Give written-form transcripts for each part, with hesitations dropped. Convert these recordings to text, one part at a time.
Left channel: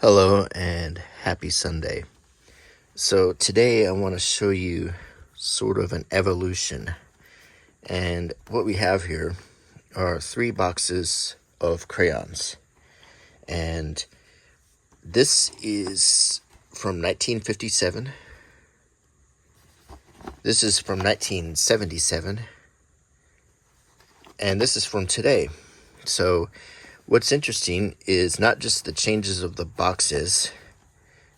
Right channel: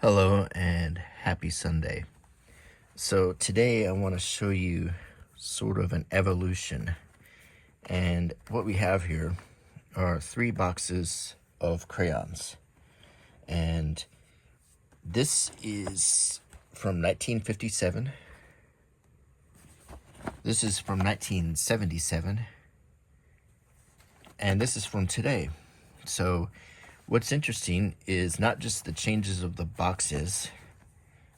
Hello and happy Sunday. So today I want to show you sort of an evolution. And what we have here are 3 boxes of crayons. And this is from 1957. This is from 1977. And this is from today. So what's interesting is not just the changes of the boxes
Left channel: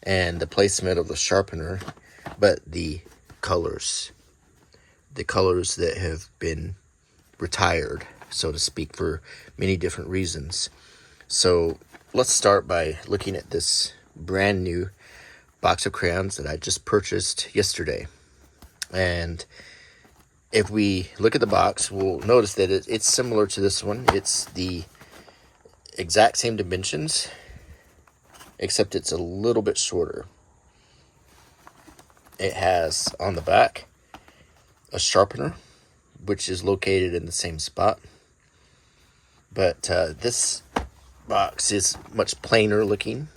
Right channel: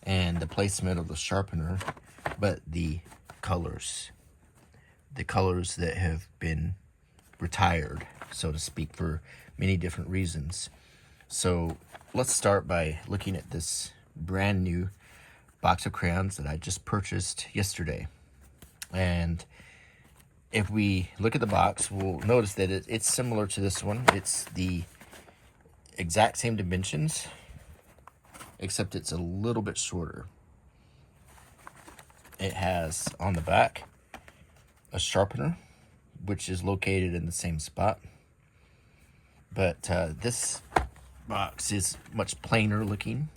and the placement of the sharpener, but the colors that have been retired, so to speak, for many different reasons. So let's start by looking at this brand new box of crayons that I just purchased yesterday. And if we look at the box, we'll notice that it's similar to this one. It's the exact same dimensions, except it's a little bit shorter. It has on the back a sharpener, which is located in the same spot. But this box is much plainer looking.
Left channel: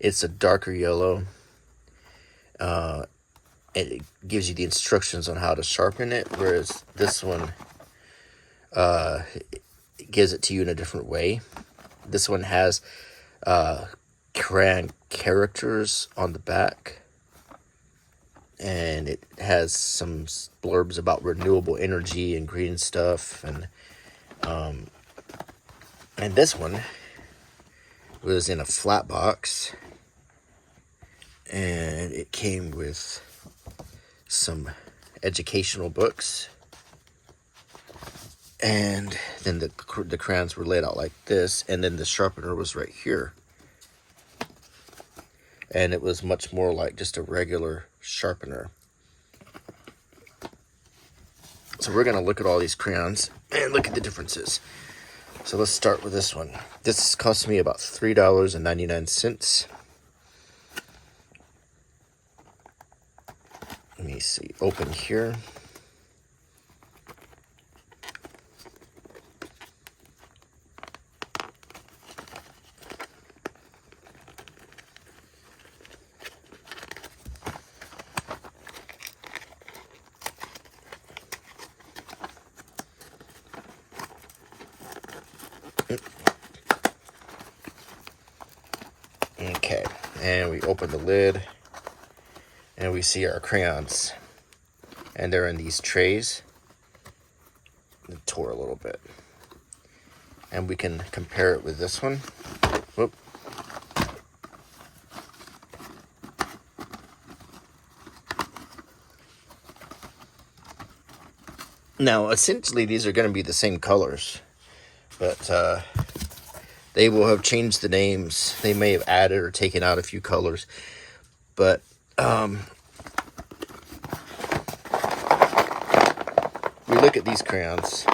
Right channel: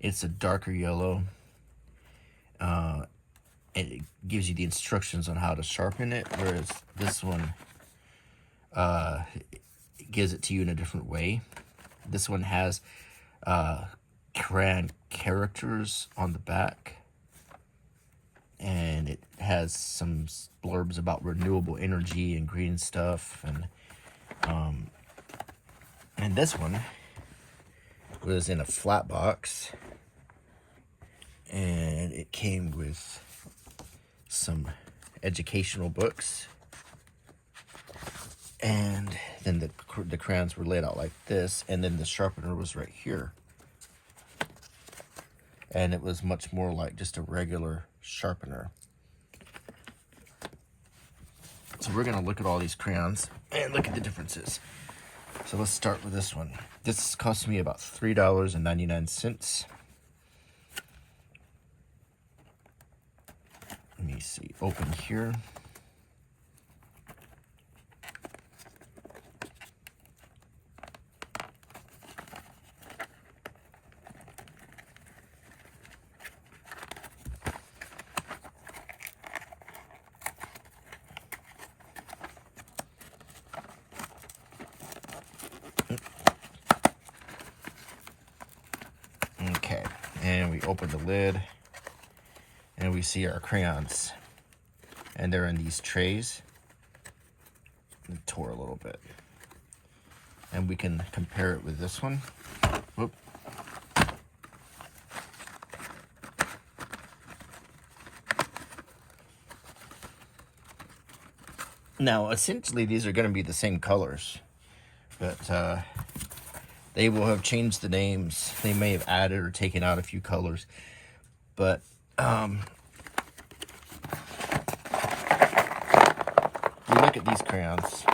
It's a darker yellow. It gives you the instructions on how to sharpen it, whereas this one gives it to you in a different way. This one has crayon characters on the back, and it has some blurbs about renewable energy and green stuff. And this one was in a flat box, and it came with some educational books, and then the crayons were laid out like this, and then the sharpener was right here, and it was much more like just a regular sharpener. So we're going to look at all these crayons and look at the differences. So let's start with this one. This cost me about $3.99. Let me see, open here. Okay, and we open the lid, and we see our crayons, and they're in these trays. It tore a little bit, and we can compare it with this one. Whoop. Now, essentially, these are going to be the same colors, but they will have changed the names. They may have added or taken out a few colors, but we look at these crayons,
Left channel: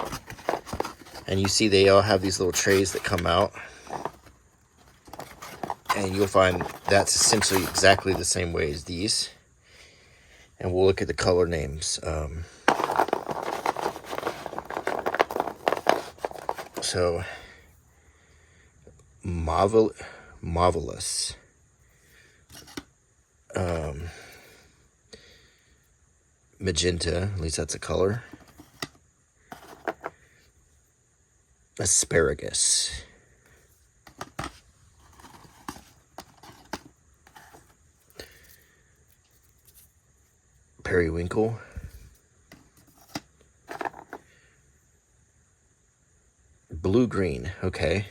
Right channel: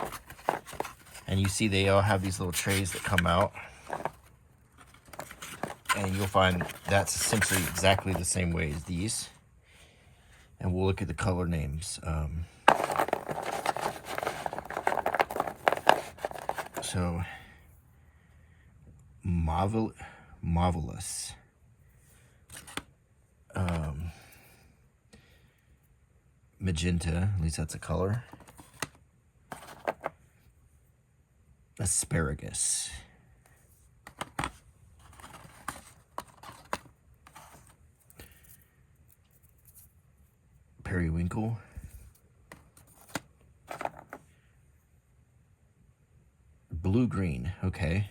and you see they all have these little trays that come out, and you'll find that's essentially exactly the same way as these. And we'll look at the color names. So marvelous, magenta, at least that's a color. Asparagus, periwinkle, blue-green, okay,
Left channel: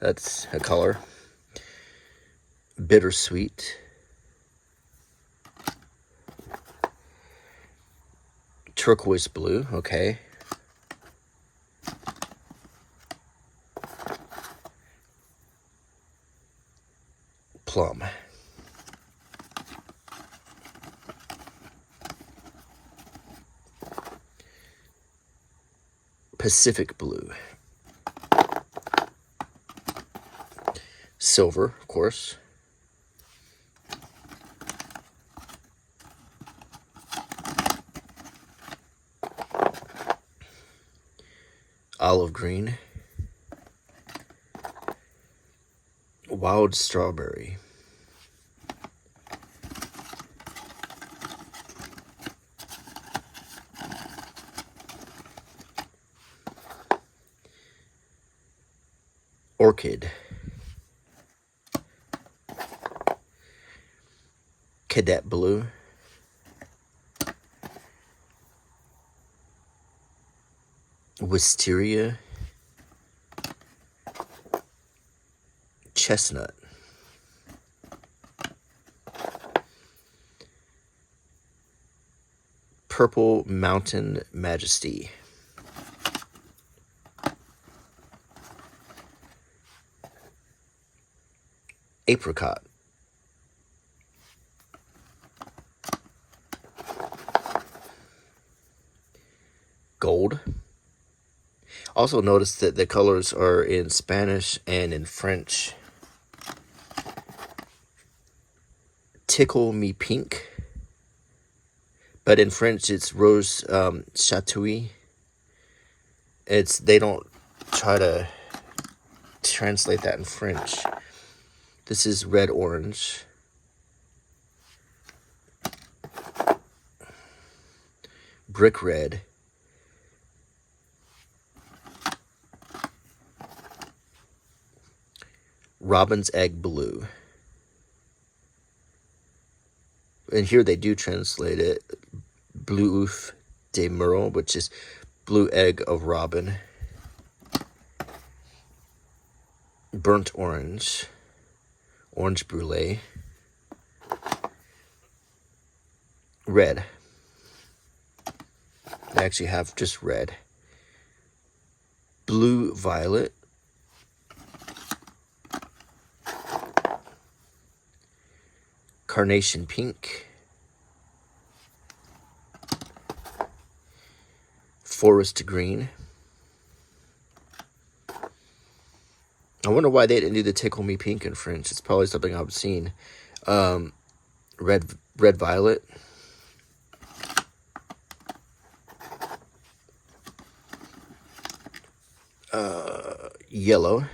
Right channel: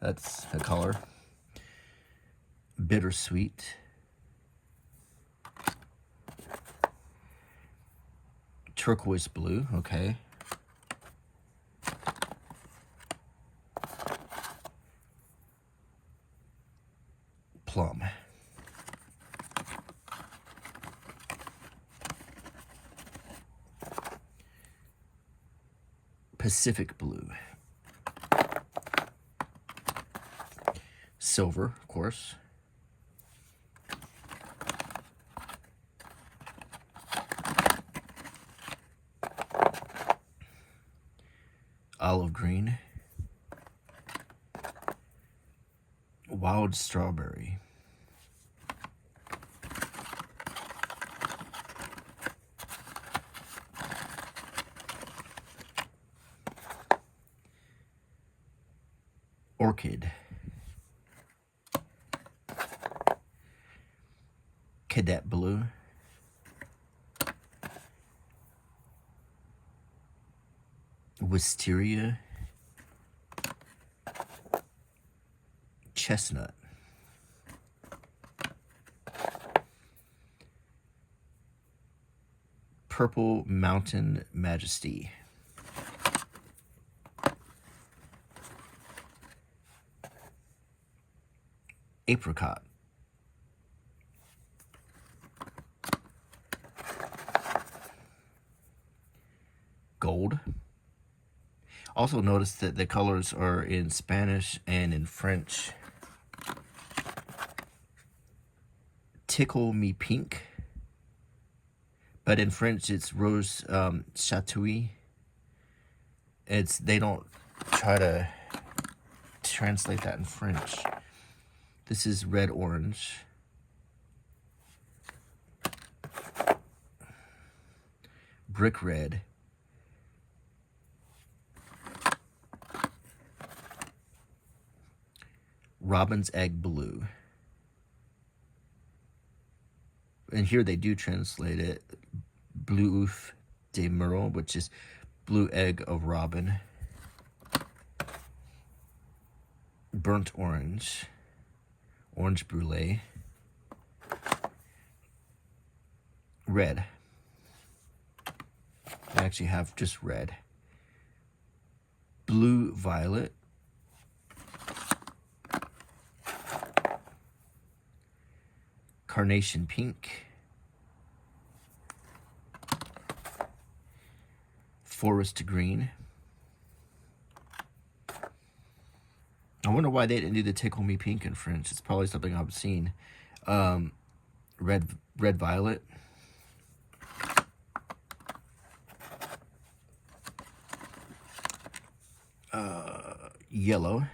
that's a color. Bittersweet, turquoise blue, okay. Plum, Pacific blue, silver, of course, olive green, Wild strawberry. Orchid. Cadet blue. Wisteria. Chestnut. Purple Mountain Majesty. Apricot. Gold. Also notice that the colors are in Spanish and in French. Tickle Me Pink. But in French, it's Rose Chatouille. They don't try to translate that in French. This is Red Orange. Brick Red. Robin's Egg Blue. And here they do translate it Bleu Oeuf de Merle, which is blue egg of robin. Burnt orange. Orange brulee. Red. They actually have just red. Blue violet. Carnation pink. Forest green. I wonder why they didn't do the Tickle Me Pink in French. It's probably something I've seen. Red violet. Yellow.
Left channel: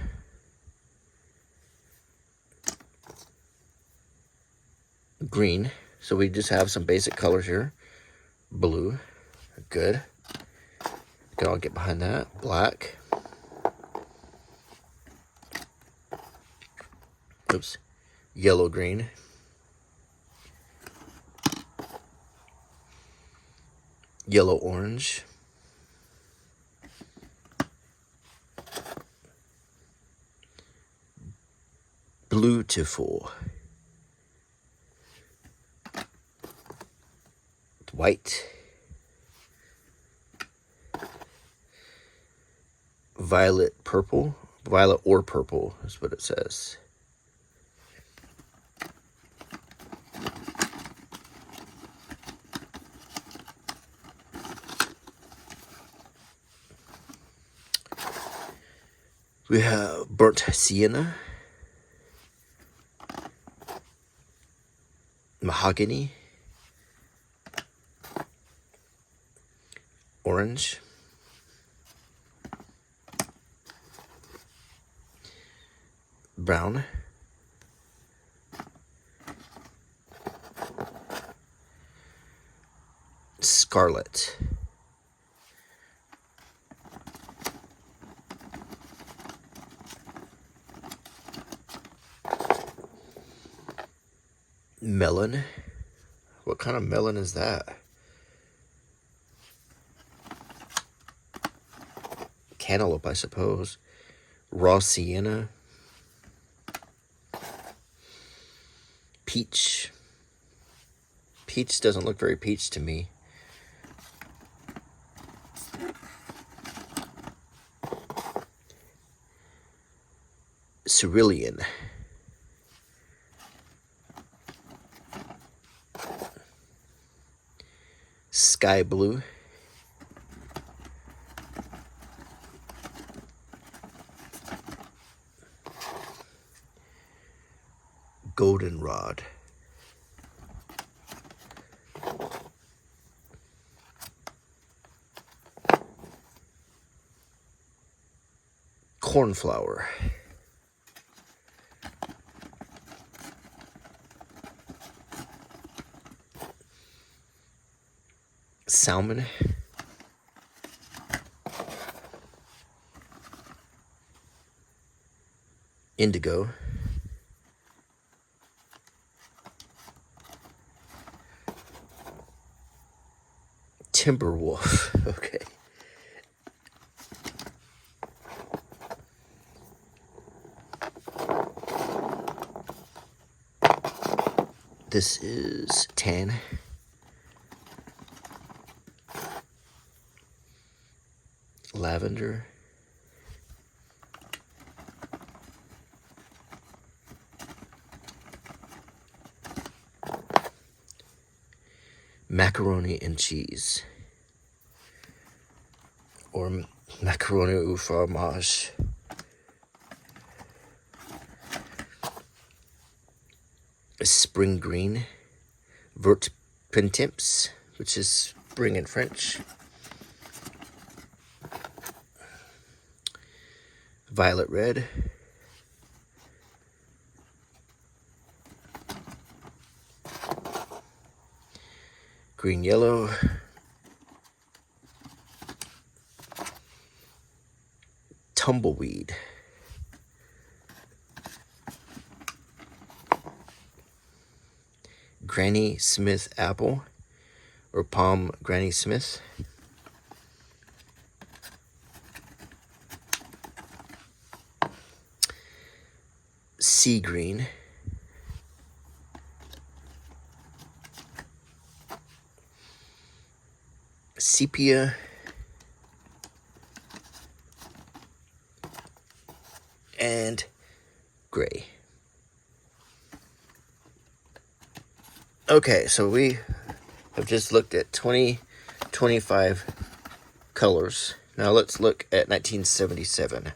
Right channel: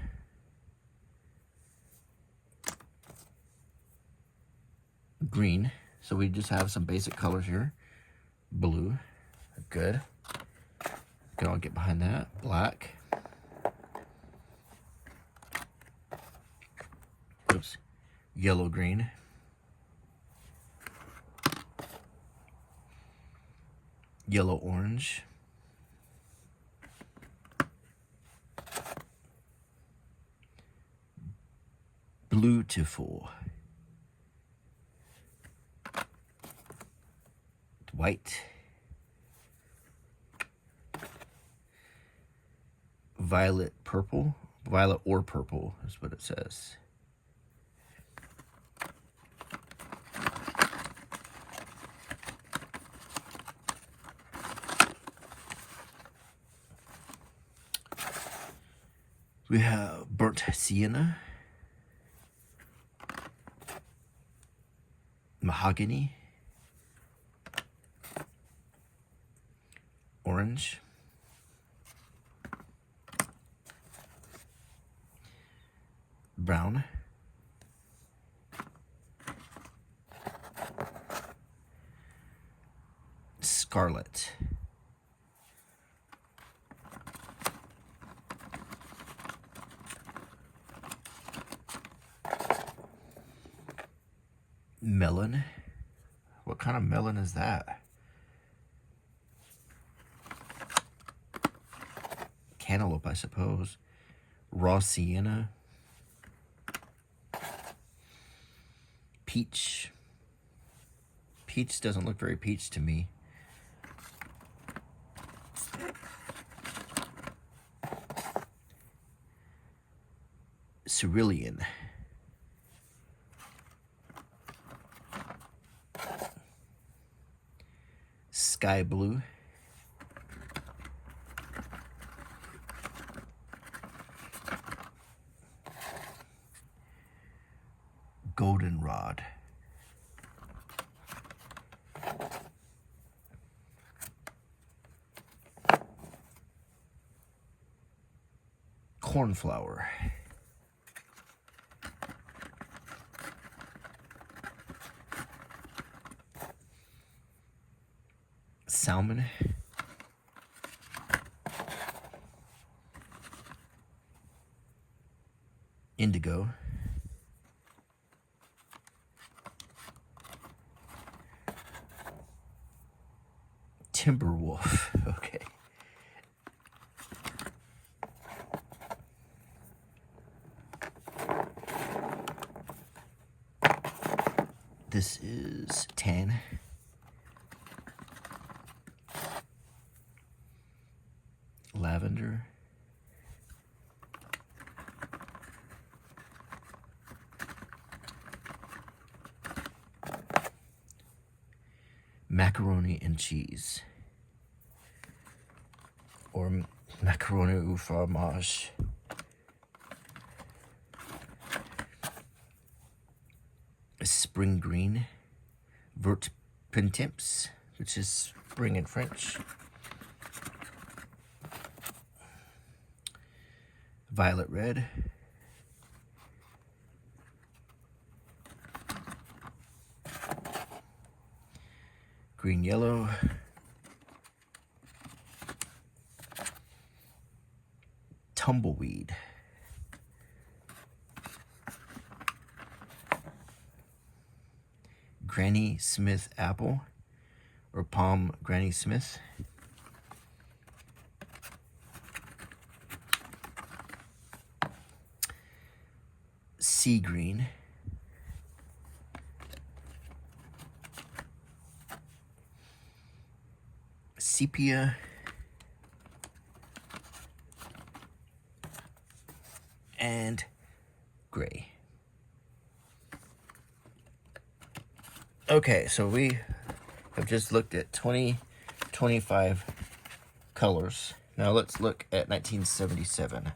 Green. So we just have some basic colors here. Blue. Good. Can all get behind that. Black. Oops. Yellow green. Yellow orange. Beautiful. White. Violet purple. Violet or purple is what it says. We have burnt sienna. Mahogany. Orange. Brown. Scarlet. Melon. What kind of melon is that? Cantaloupe, I suppose. Raw sienna. Peach. Peach doesn't look very peach to me. Cerulean. Sky blue. Goldenrod. Cornflower. salmon, indigo, Timberwolf. Okay. This is tan. Lavender. Macaroni and cheese. Or macaroni au fromage. Spring green. Vert printemps, which is spring in French. Violet red. Green yellow. Tumbleweed. Granny Smith apple, or palm Granny Smith. Sea green. Sepia. And gray. Okay, so we have just looked at 25 colors. Now let's look at 1977.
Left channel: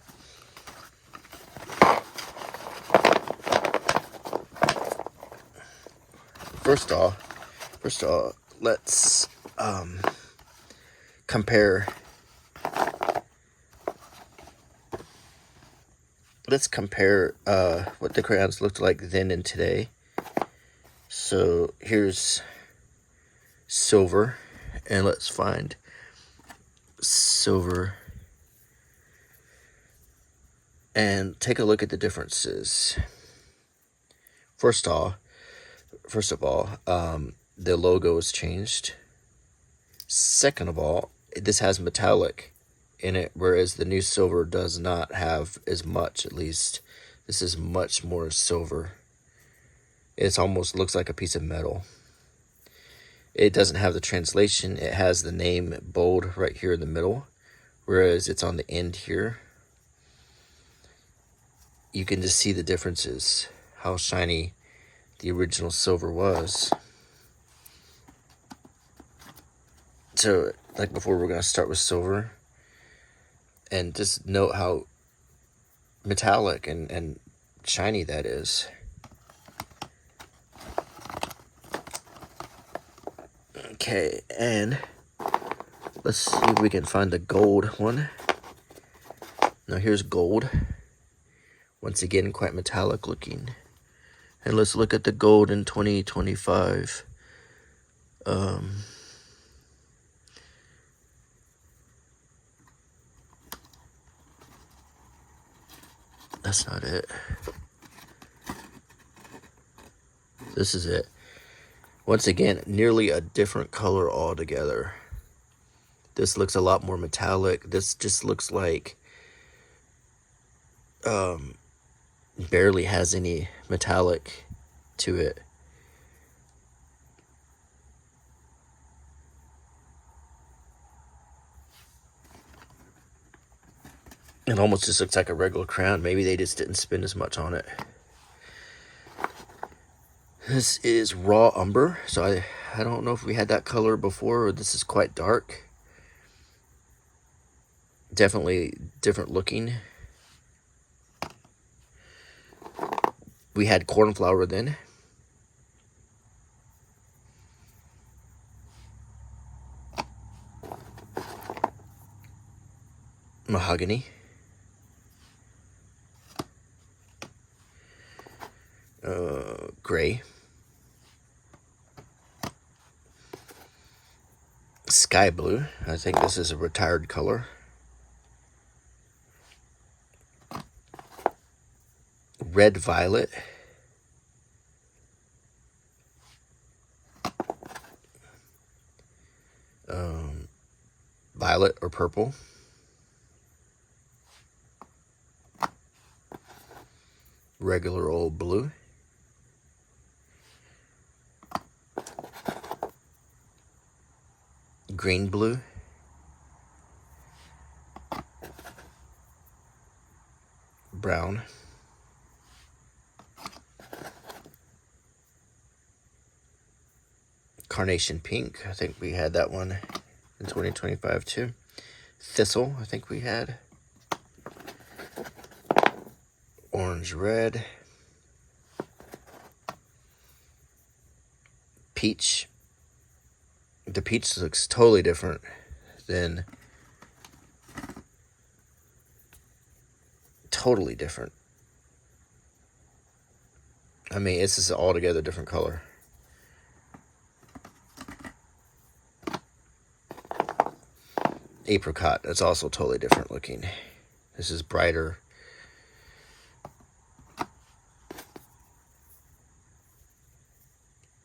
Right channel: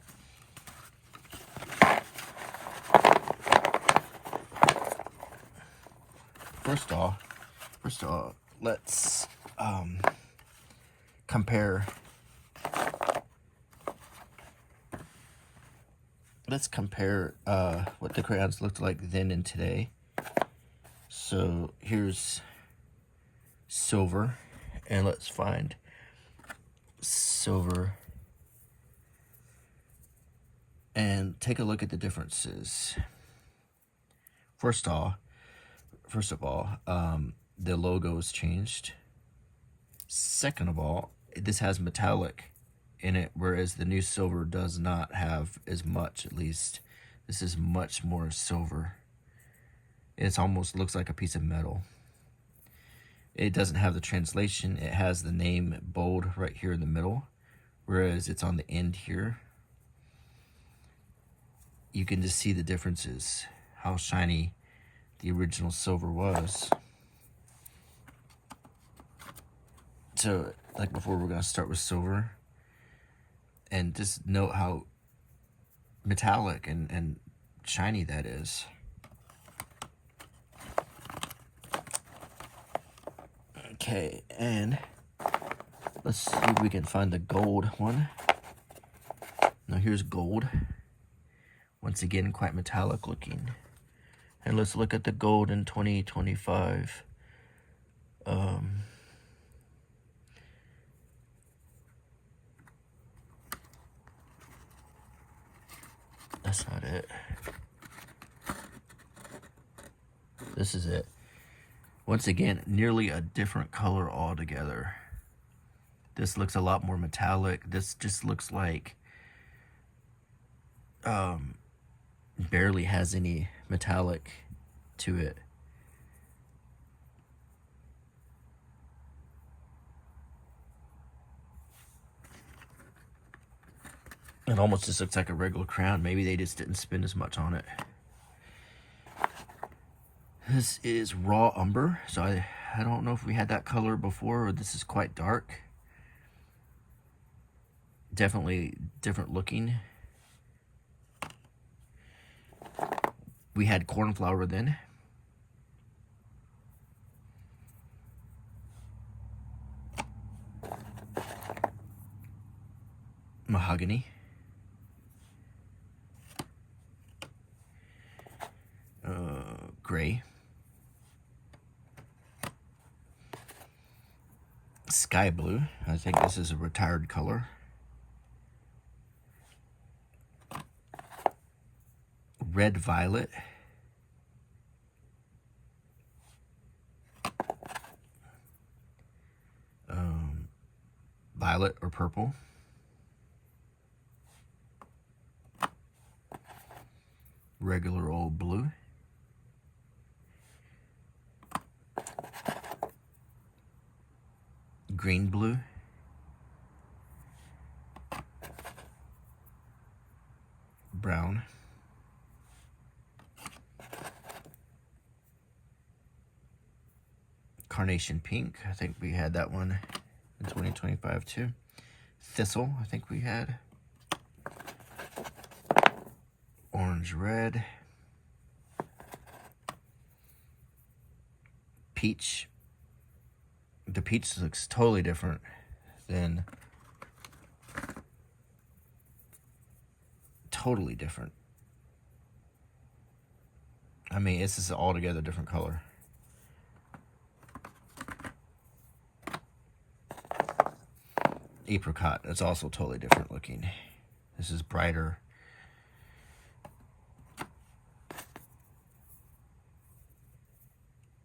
First of all, let's compare. Let's compare what the crayons looked like then and today. So here's silver, and let's find silver and take a look at the differences. First of all, the logo is changed. Second of all, this has metallic in it, whereas the new silver does not have as much. At least this is much more silver. It almost looks like a piece of metal. It doesn't have the translation. It has the name bold right here in the middle, whereas it's on the end here. You can just see the differences, how shiny the original silver was. So, like before, we're going to start with silver. And just note how metallic and shiny that is. Okay, and let's see if we can find the gold one. Now here's gold. Once again, quite metallic looking. And let's look at the gold in 2025. That's not it. This is it. Once again, nearly a different color altogether. This looks a lot more metallic. This just looks like barely has any metallic to it. It almost just looks like a regular crayon. Maybe they just didn't spend as much on it. This is raw umber, so I don't know if we had that color before, or this is quite dark. Definitely different looking. We had cornflower then. Mahogany. Gray. Sky blue. I think this is a retired color. Red violet. Violet or purple. Regular old blue. Green blue. Brown. Carnation pink. I think we had that one in 2025 too. Thistle, I think we had. Orange red. Peach. The peach looks totally different than... Totally different. I mean, it's just an altogether different color. Apricot, it's also totally different looking. This is brighter.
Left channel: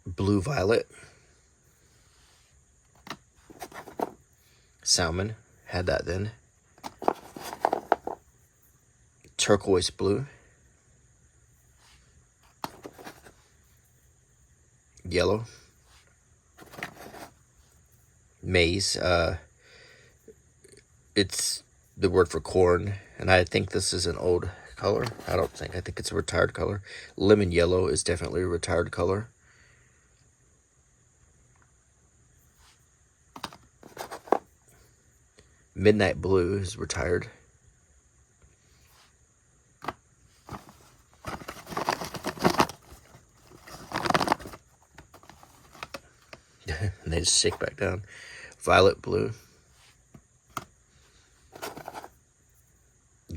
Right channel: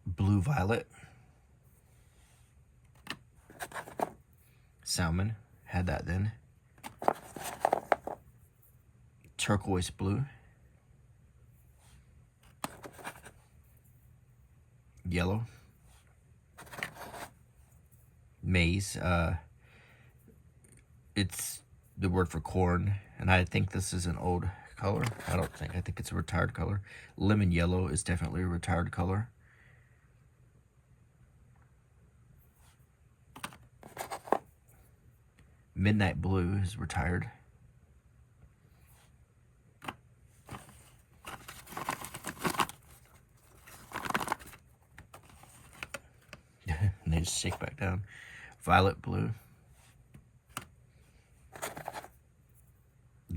Blue violet. Salmon, had that then. Turquoise blue. Yellow. Maize, it's the word for corn, and I think this is an old color. I think it's a retired color. Lemon yellow is definitely a retired color. Midnight blue is retired. And they just shake back down. Violet blue.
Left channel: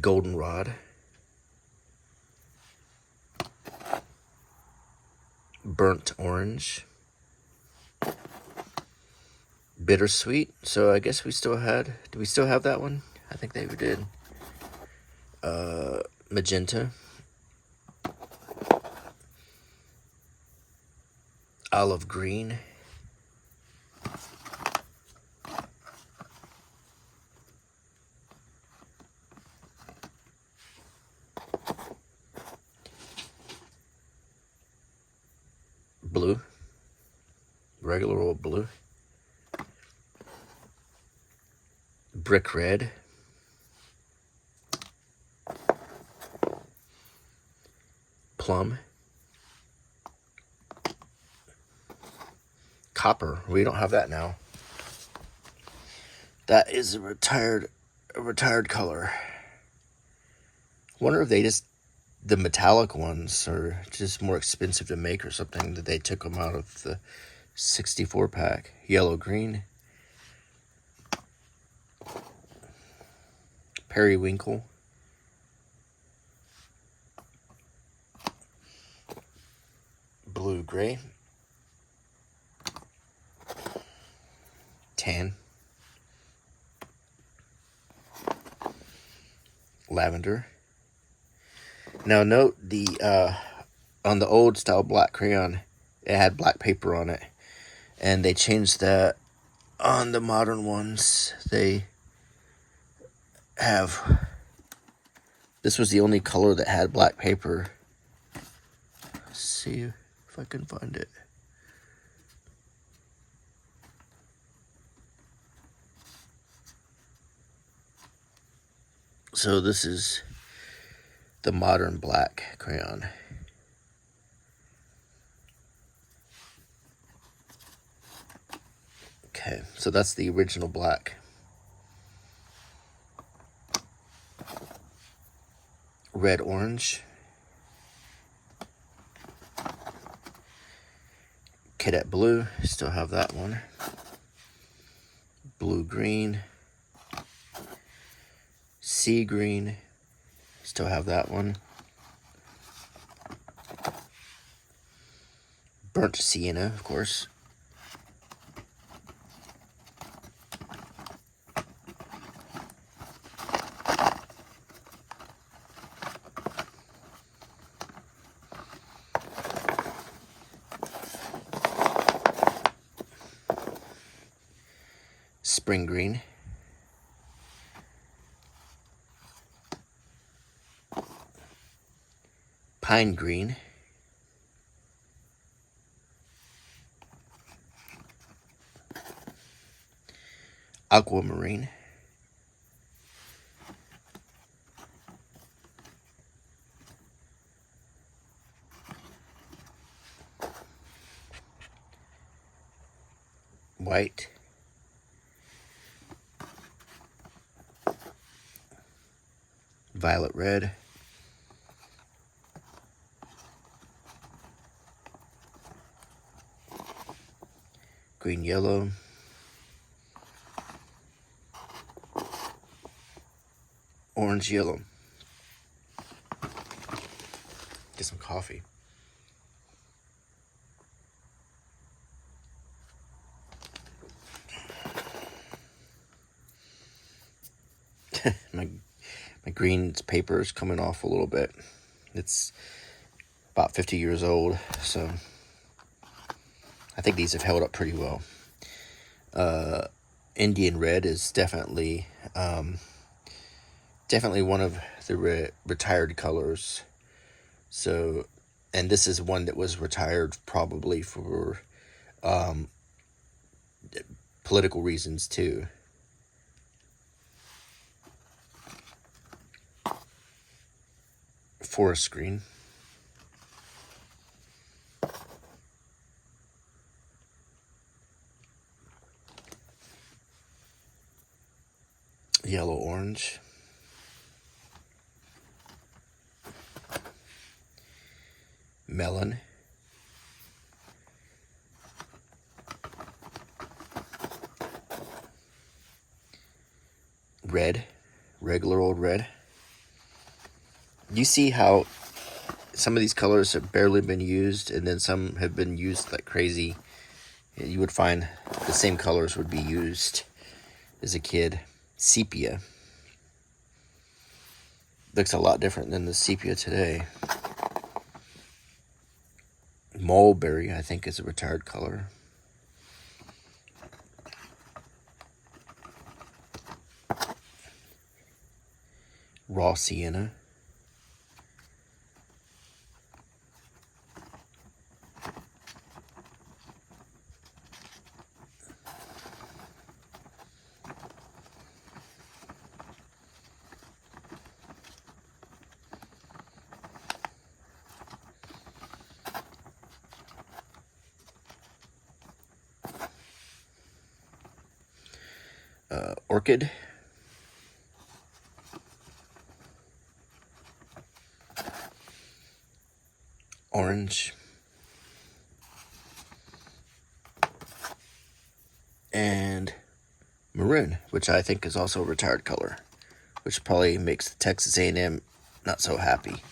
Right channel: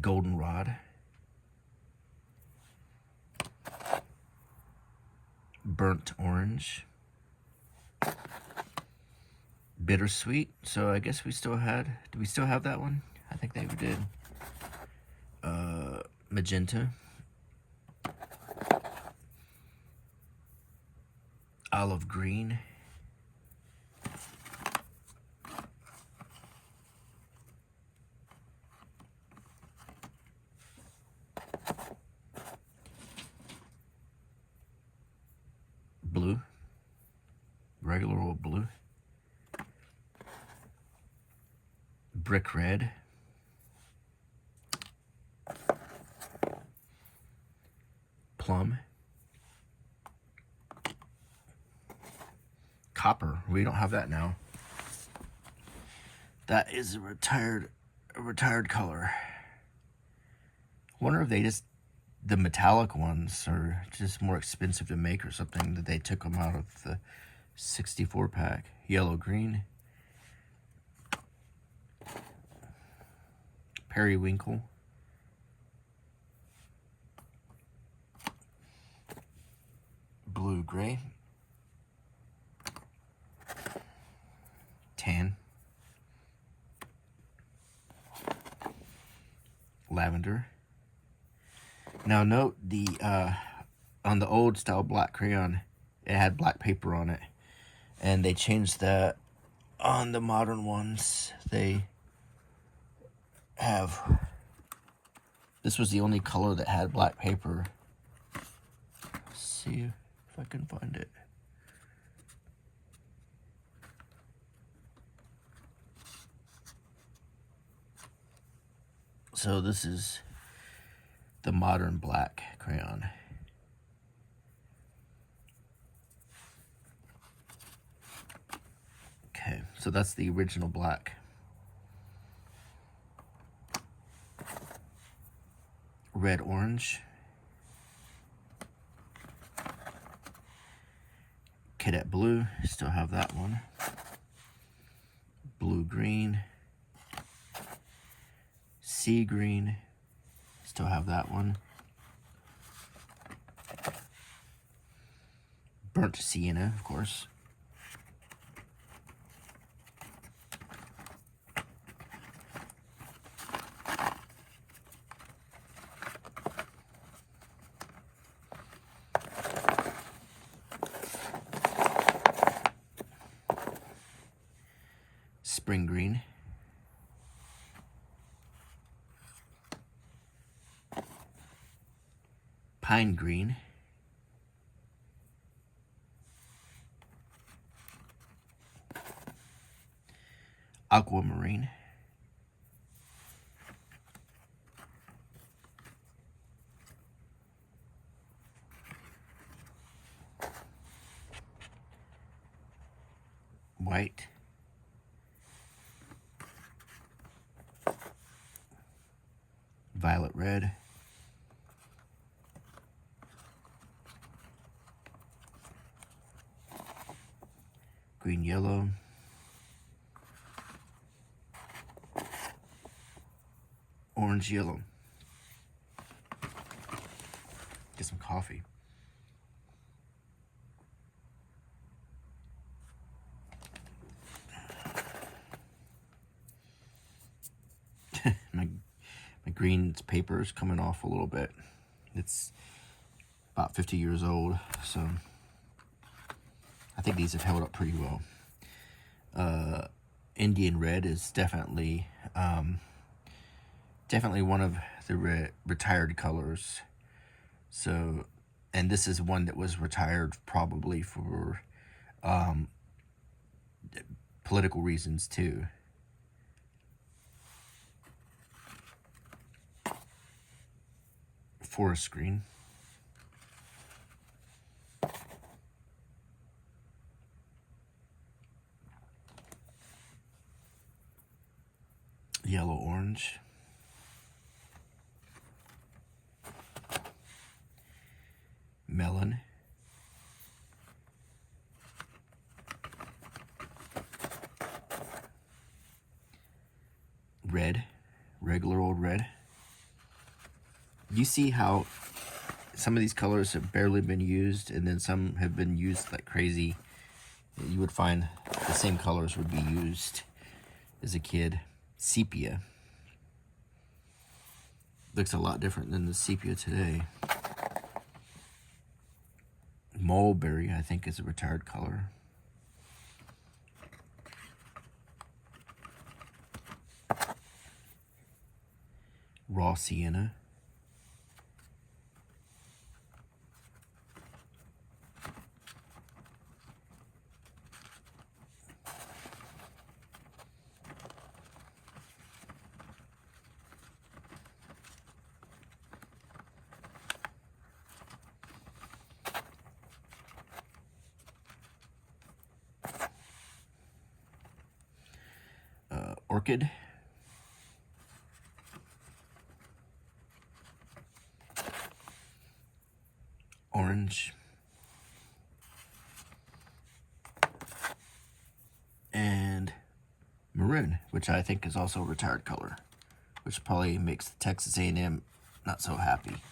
Goldenrod. Burnt orange. Bittersweet. So I guess we still had... Do we still have that one? I think we did. Magenta. Olive green. Blue. Regular old blue. Brick red. Plum. Copper. We don't have that now. That is a retired color. Wonder if they just... The metallic ones are just more expensive to make or something, that they took them out of the 64 pack. Yellow green. Periwinkle. Blue gray. Tan. Lavender. Now note on the old style black crayon, it had black paper on it, and they changed that. On the modern ones, they have... This was the only color that had black paper. Let's see if I can find it. So this is the modern black crayon. Okay, so that's the original black. Red orange. Cadet blue, still have that one. Blue green. Sea green, still have that one. Burnt sienna, of course. spring green, pine green, aquamarine, white, violet red, green yellow, orange yellow. Get some coffee. my green paper is coming off a little bit. It's about 50 years old, so I think these have held up pretty well. Indian red is definitely one of the retired colors. So, and this is one that was retired probably for political reasons too. Forest green, yellow orange, melon, red, regular old red. You see how some of these colors have barely been used, and then some have been used like crazy. You would find the same colors would be used as a kid. Sepia. Looks a lot different than the sepia today. Mulberry, I think, is a retired color. Raw sienna. Orchid, orange, and maroon, which I think is also a retired color, which probably makes the Texas A&M not so happy.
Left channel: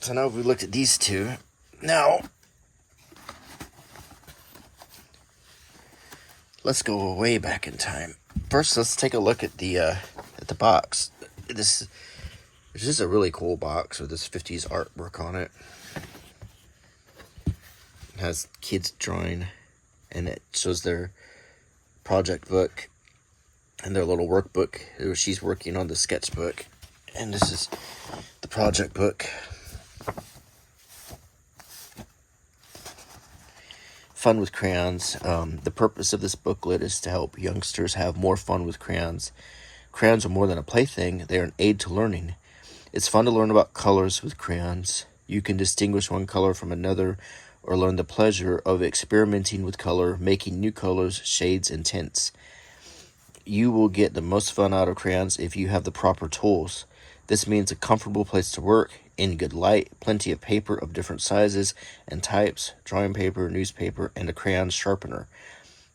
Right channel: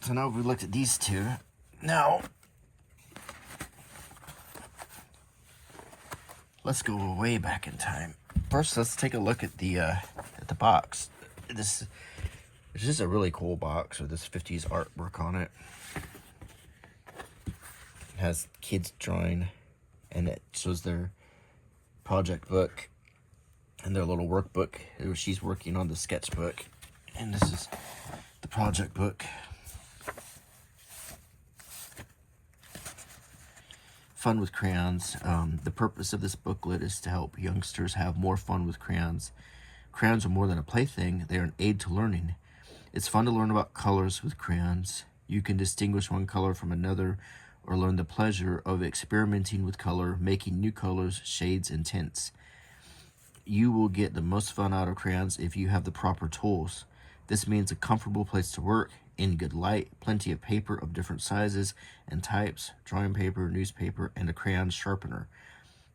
So now we looked at these two. Now let's go way back in time. First, let's take a look at the box. This is a really cool box with this 50s artwork on it. It has kids drawing, and it shows their project book and their little workbook. She's working on the sketchbook, and this is the project book. Fun with crayons. The purpose of this booklet is to help youngsters have more fun with crayons. Crayons are more than a plaything, they are an aid to learning. It's fun to learn about colors with crayons. You can distinguish one color from another or learn the pleasure of experimenting with color, making new colors, shades, and tints. You will get the most fun out of crayons if you have the proper tools. This means a comfortable place to work, in good light, plenty of paper of different sizes and types, drawing paper, newspaper, and a crayon sharpener.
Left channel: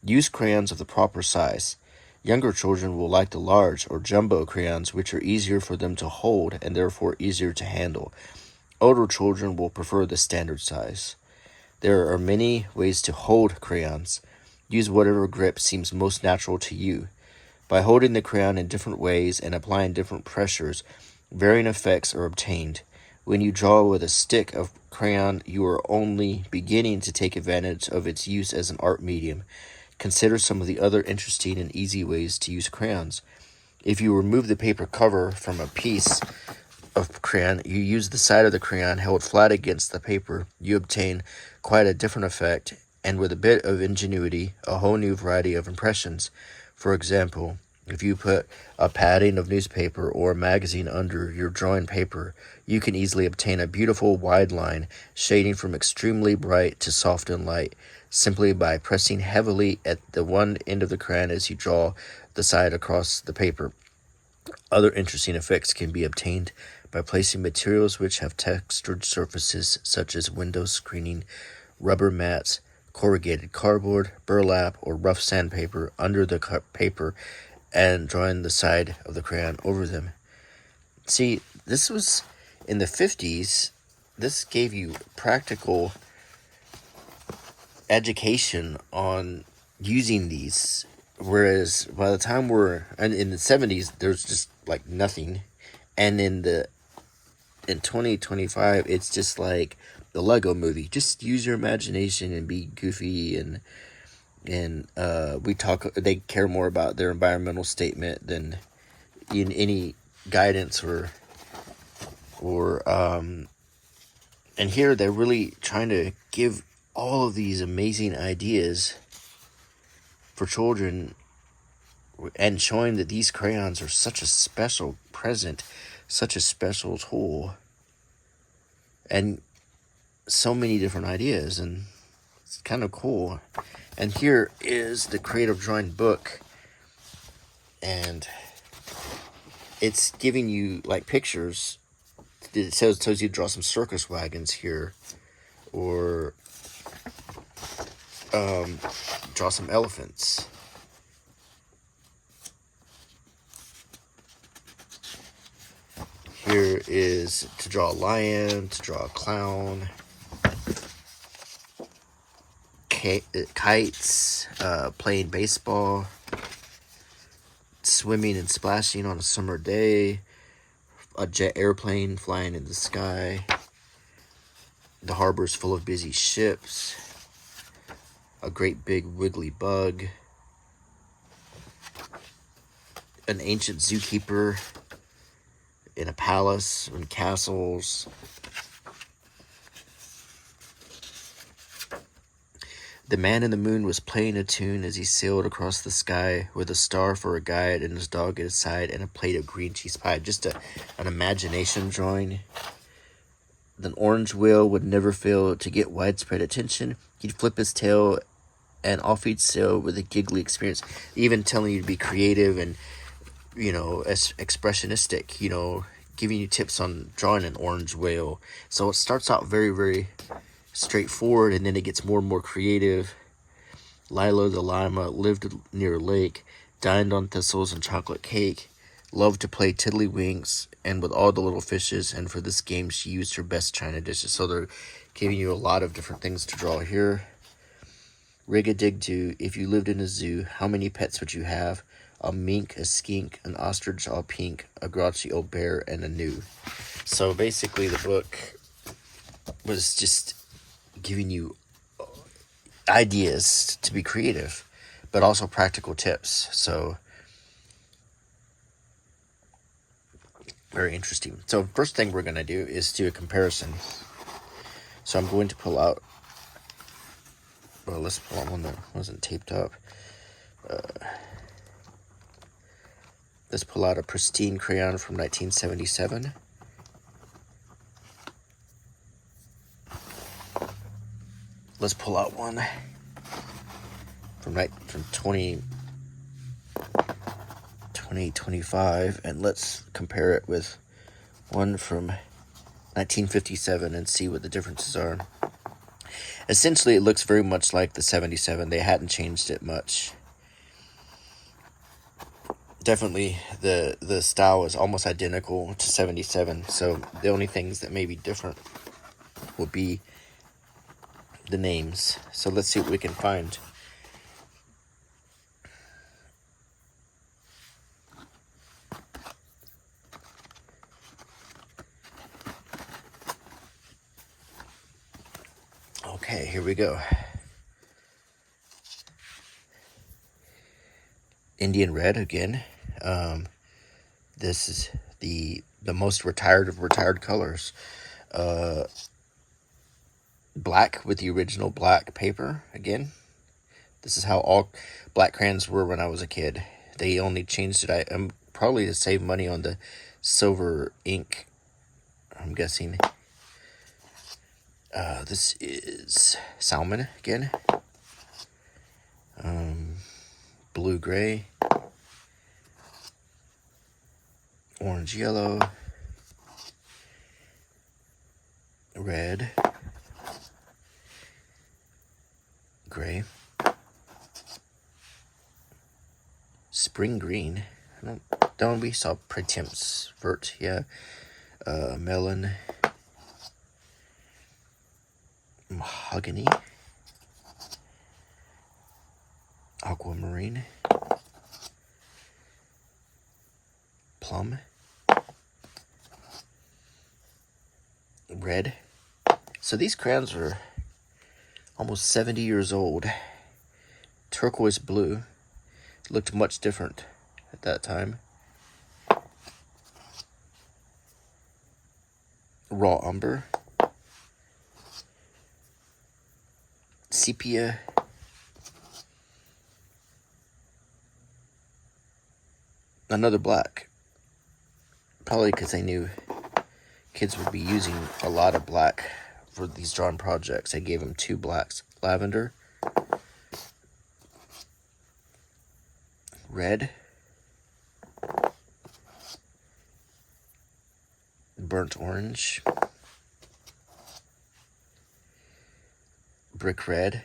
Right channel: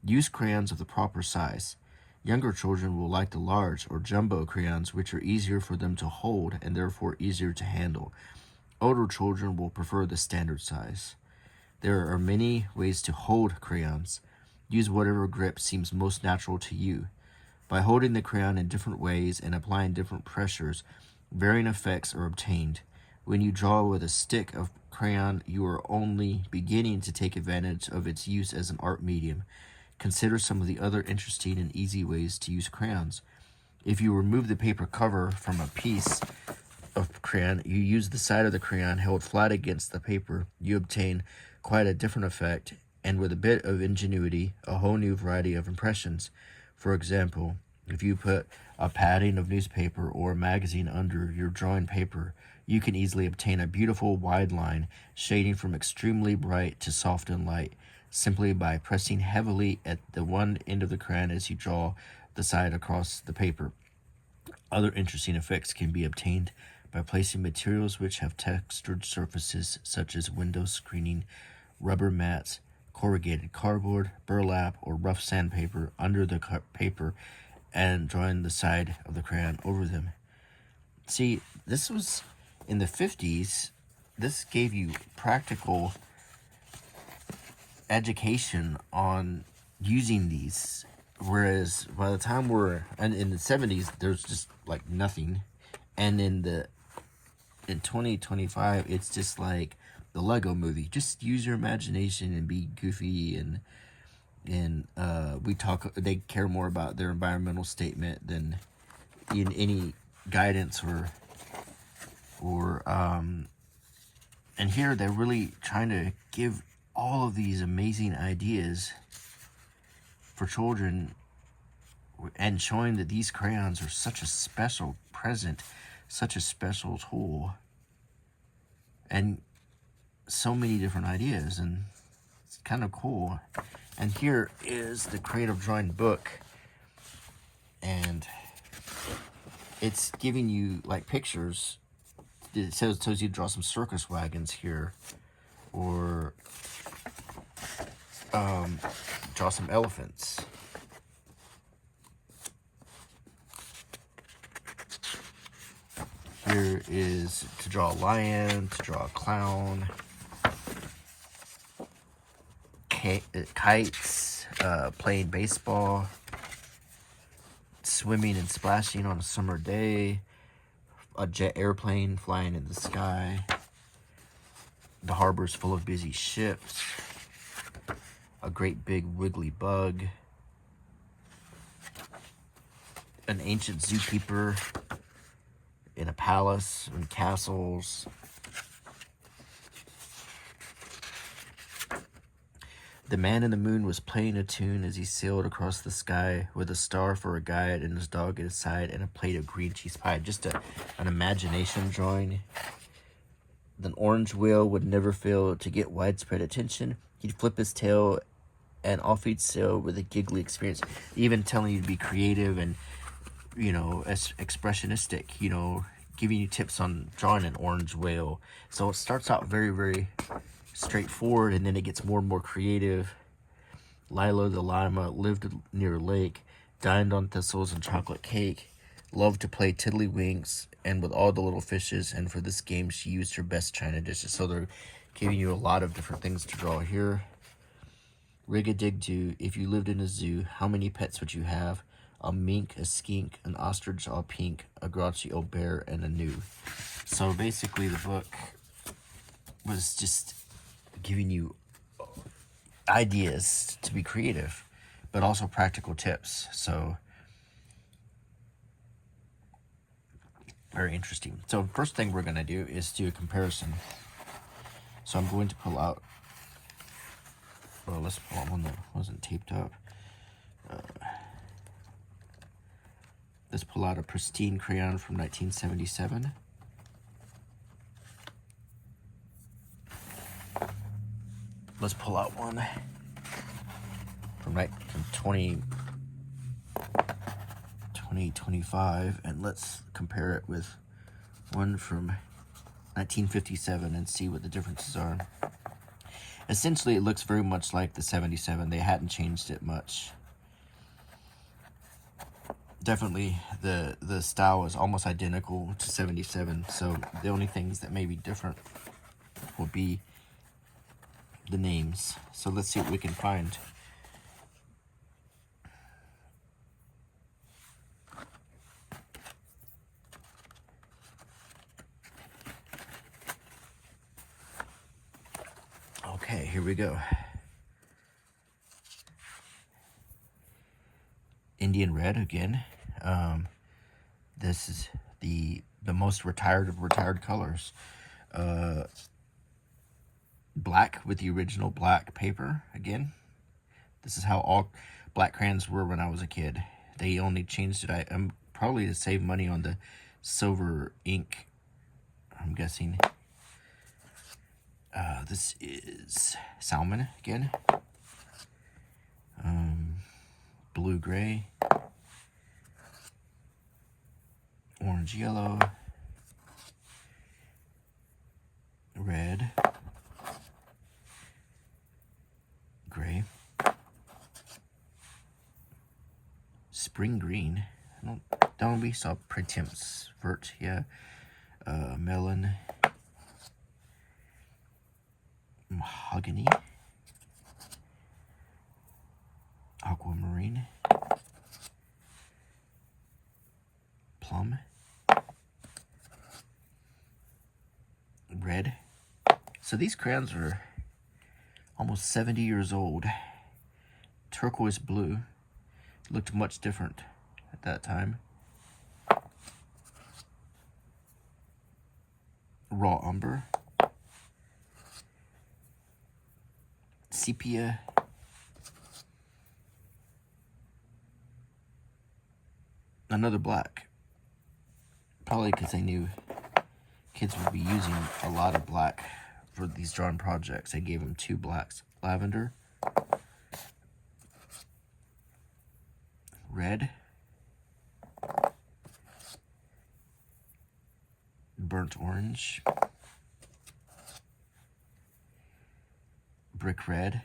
Use crayons of the proper size. Younger children will like the large or jumbo crayons, which are easier for them to hold and therefore easier to handle. Older children will prefer the standard size. There are many ways to hold crayons. Use whatever grip seems most natural to you. By holding the crayon in different ways and applying different pressures, varying effects are obtained. When you draw with a stick of crayon, you are only beginning to take advantage of its use as an art medium. Consider some of the other interesting and easy ways to use crayons. If you remove the paper cover from a piece of crayon, you use the side of the crayon held flat against the paper, you obtain quite a different effect, and with a bit of ingenuity, a whole new variety of impressions. For example, if you put a padding of newspaper or a magazine under your drawing paper, you can easily obtain a beautiful wide line, shading from extremely bright to soft and light, simply by pressing heavily at the one end of the crayon as you draw the side across the paper. Other interesting effects can be obtained by placing materials which have textured surfaces such as window screening, rubber mats, corrugated cardboard, burlap, or rough sandpaper under the paper and drawing the side of the crayon over them. See, this was in the 50s. This gave you practical education on using these, whereas by the time in the 70s, there's just like nothing, and in 2025, it's just like the Lego movie. Just use your imagination and be goofy, and they care more about their environmental statement than in any guidance or and here they're really trying to give all of these amazing ideas for children, and showing that these crayons are such a special present, such a special tool, and so many different ideas, and it's kind of cool. And here is the creative drawing book, and it's giving you like pictures. It tells you to draw some circus wagons here, or draw some elephants. Here is to draw a lion, to draw a clown, kites, playing baseball, swimming and splashing on a summer day, a jet airplane flying in the sky, the harbor's full of busy ships, a great big wiggly bug, an ancient zookeeper in a palace and castles, the man in the moon was playing a tune as he sailed across the sky with a star for a guide and his dog at his side and a plate of green cheese pie. Just an imagination drawing. The orange whale would never fail to get widespread attention. He'd flip his tail and off he'd sail with a giggly experience, even telling you to be creative and, expressionistic, giving you tips on drawing an orange whale. So it starts out very, very straightforward, and then it gets more and more creative. Lilo the llama lived near a lake, dined on thistles and chocolate cake, loved to play tiddlywinks and with all the little fishes, and for this game she used her best china dishes. So they're giving you a lot of different things to draw here. Rig-a-dig-do, if you lived in a zoo, how many pets would you have? A mink, a skink, an ostrich all pink, a grouchy old bear, and a gnu. So basically the book was just giving you ideas to be creative, but also practical tips. So very interesting. So first thing we're going to do is do a comparison. So I'm going to pull out, let's pull out one that wasn't taped up. Let's pull out a pristine crayon from 1977. Let's pull out one from 2025, and let's compare it with one from 1957 and see what the differences are. Essentially, it looks very much like the 77. They hadn't changed it much. Definitely, the style is almost identical to 77, so the only things that may be different will be the names. So let's see what we can find. Okay, here we go. Indian red again. This is the most retired of retired colors. Black with the original black paper again. This is how all black crayons were when I was a kid. They only changed it, probably to save money on the silver ink, I'm guessing. This is salmon again. Blue gray. Orange yellow. Red. Gray. Spring green. Don't we saw pretemps vert, yeah. Melon. Mahogany. Aquamarine. Plum. Red. So these crayons are almost 70 years old. Turquoise blue. Looked much different at that time. Raw umber. Sepia. Another black. Probably because they knew kids would be using a lot of black for these drawing projects. I gave them 2 blacks. Lavender. Red. Burnt orange. Brick red.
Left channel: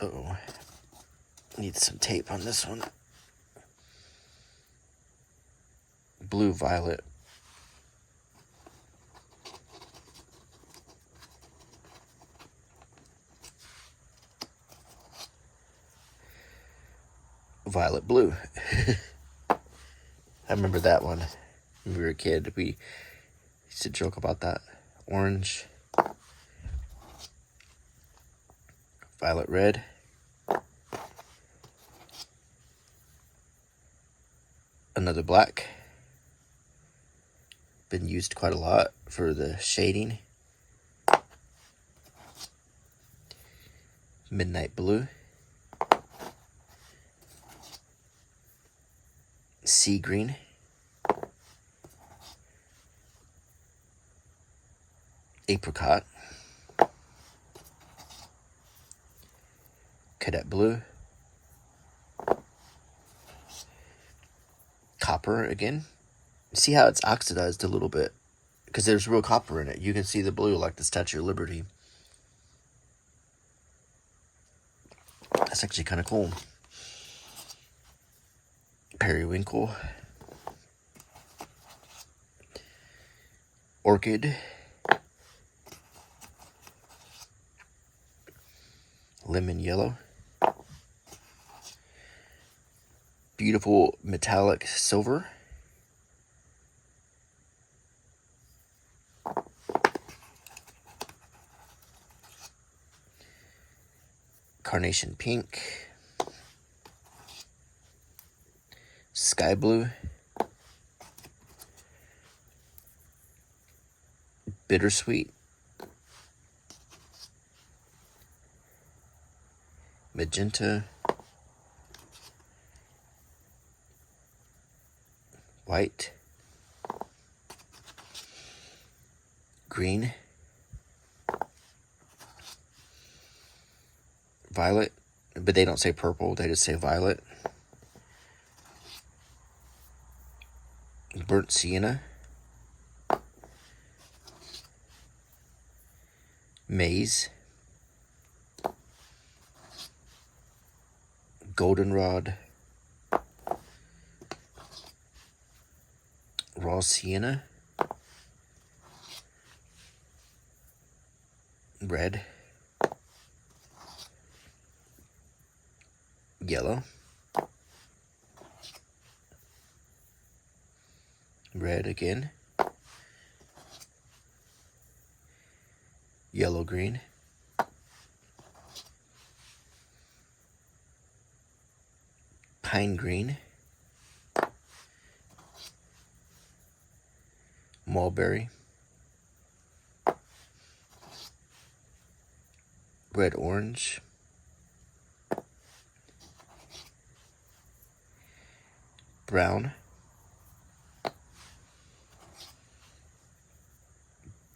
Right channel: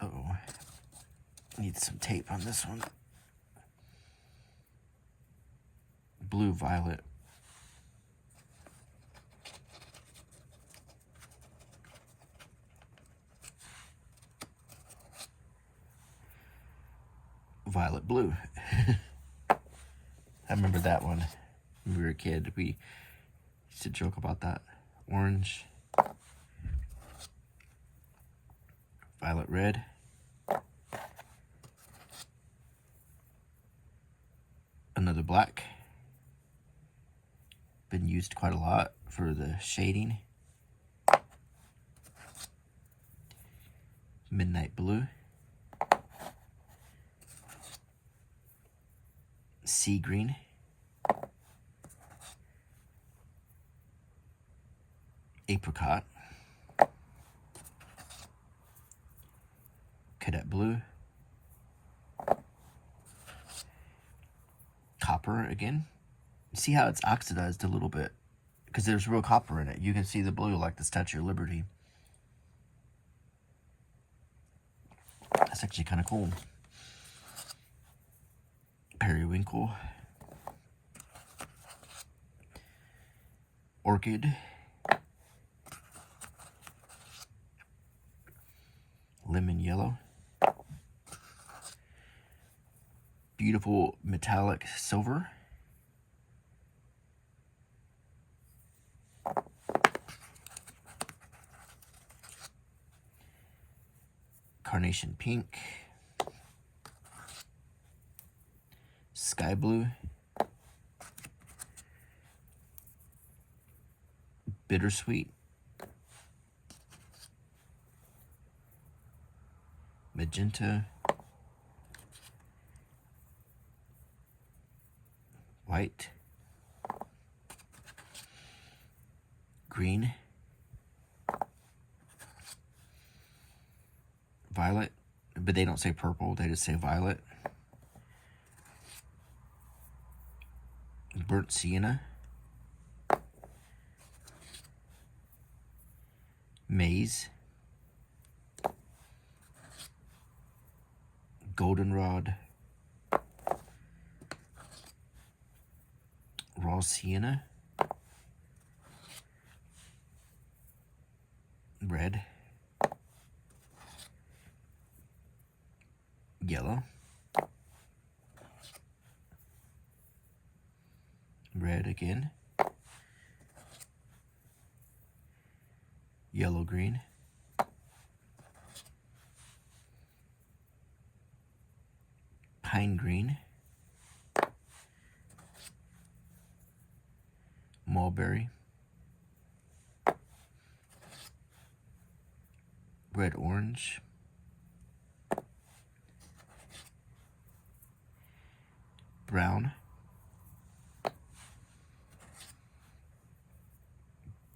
Uh-oh. Need some tape on this one. Blue violet. Violet blue. I remember that one when we were a kid. We used to joke about that. Orange. Violet red. Another black. Been used quite a lot for the shading. Midnight blue. Sea green. Apricot. Cadet blue. Copper again. See how it's oxidized a little bit? Because there's real copper in it. You can see the blue like the Statue of Liberty. That's actually kind of cool. Periwinkle. Orchid. Lemon yellow. Beautiful metallic silver. Carnation pink. Sky blue. Bittersweet. Magenta. White. Green. Violet. But they don't say purple, they just say violet. Burnt sienna. Maize. Goldenrod. Raw sienna. Red. Yellow. Red again. Yellow green. pine green, mulberry, red orange, brown,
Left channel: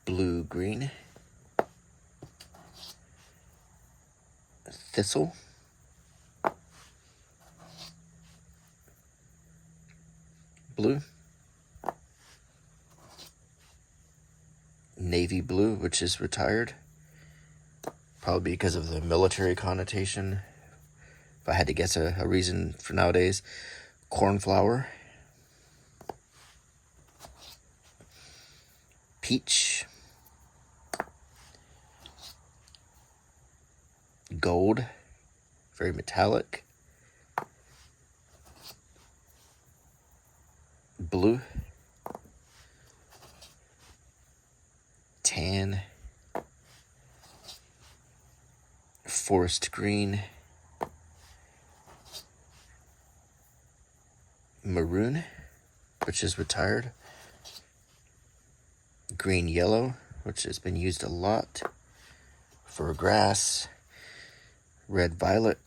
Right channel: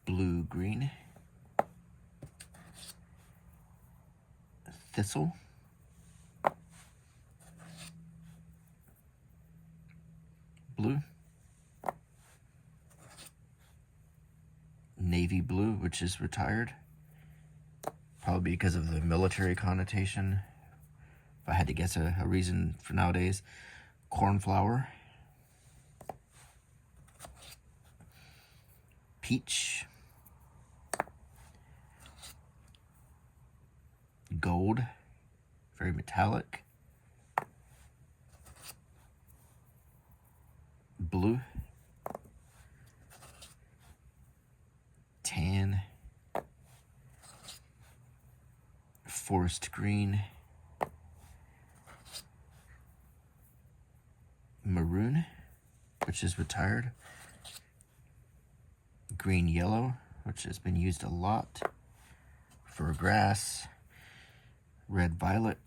blue green, thistle, blue, navy blue, which is retired, probably because of the military connotation. If I had to guess a reason for nowadays, cornflower, peach, gold, very metallic, blue, tan, forest green, maroon, which is retired, green yellow, which has been used a lot for grass, red violet,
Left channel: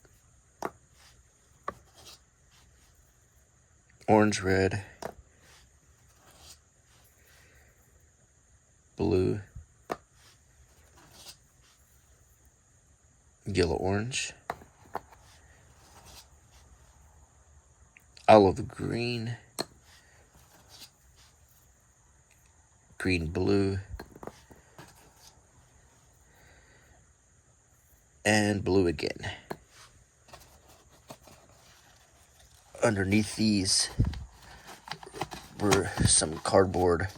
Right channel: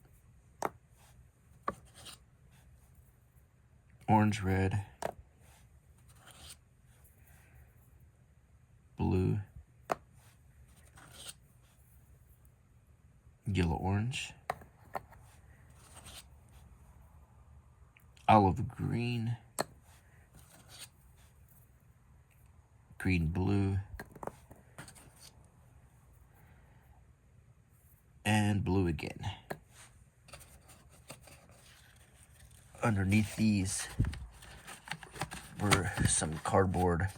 orange red, blue, yellow orange, olive green, green blue, and blue again. Underneath these were some cardboard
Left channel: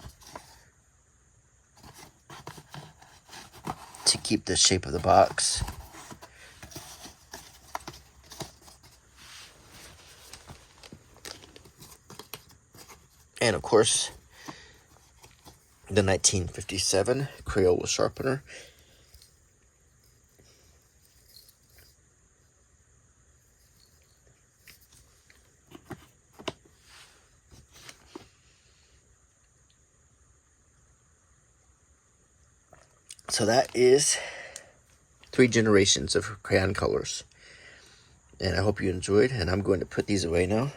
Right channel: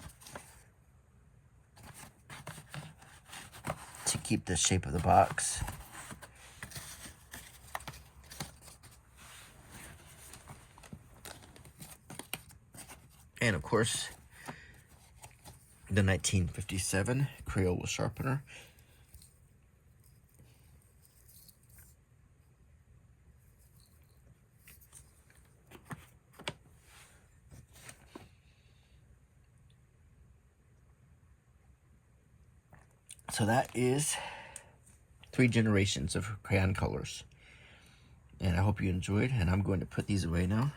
to keep the shape of the box. And of course, the 1957 Crayon sharpener. So that is 3 generations of crayon colors. And I hope you enjoyed, and I'm going to put these away now.